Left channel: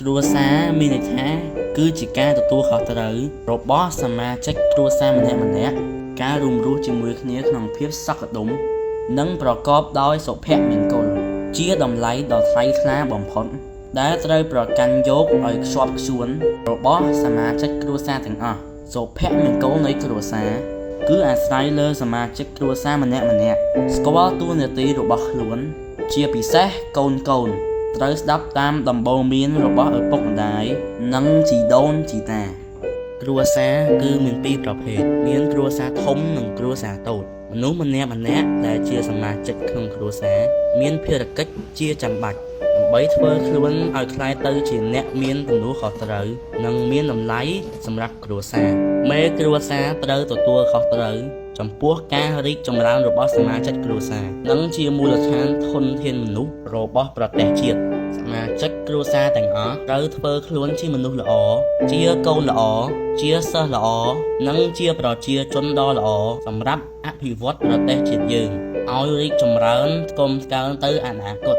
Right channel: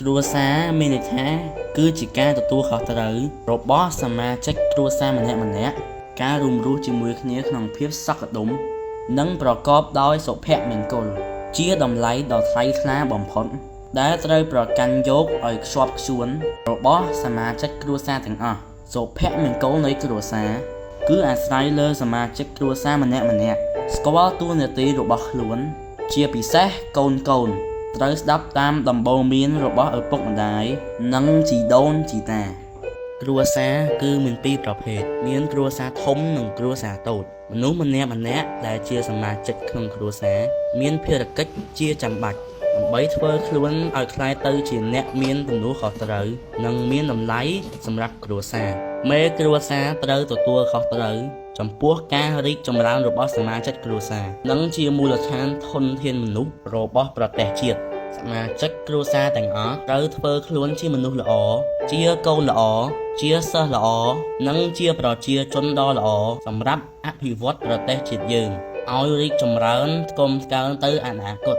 គ្រួសារមានន័យថាគឺជាការទទួលខុសត្រូវរបស់សមាជិកគ្រួសារម្នាក់ៗការរួមរស់ជាមួយគ្នាក្នុងភាពសុខដុមនិងប្រកបដោយសុភមង្គលជាតម្លៃដ៏ថ្លៃថ្លាបំផុតដែលត្រូវប្រកាន់យកឲ្យខ្ជាប់ខ្ជួនរបស់សមាជិកគ្រួសារទាំងអស់សុភមង្គលនៃគ្រួសារគឺអាស្រ័យលើសមាជិកគ្រួសារម្នាក់ៗស្គាល់តួនាទីរបស់ខ្លួនជាពិសេសកូនត្រូវស្ដាប់តាមដំបូន្មានរបស់ឪពុកម្ដាយនិងជីដូនជីតាគ្រួសារគឺមានពីរប្រភេទមានគ្រួសារធំនិងគ្រួសារតូចមនុស្សម្នាក់ដែលជាសមាជិកក្នុងគ្រួសារមានភារកិច្ចជាចាំបាច់ដើម្បីធ្វើខ្លួនឲ្យក្លាយទៅជាអ្នកមានទំនួលខុសត្រូវនិងមានតម្លៃសម្រាប់គ្រួសារមេគ្រួសារត្រូវទទួលខុសត្រូវចំពោះការរីកចម្រើនរបស់សមាជិកគ្រួសារនិងជាមូលដ្ឋានធនធានមនុស្សរបស់ប្រទេសជាតិសមាជិកគ្រួសារទាំងអស់ត្រូវធ្វើខ្លួនជាមនុស្សល្អជាកូនល្អជាសិស្សល្អនិងជាប្រជាជនដ៏ល្អសម្រាប់អភិវឌ្ឍប្រទេសជាតិយើងឲ្យរីកចម្រើនថ្កុំថ្កើងទៅអនាគត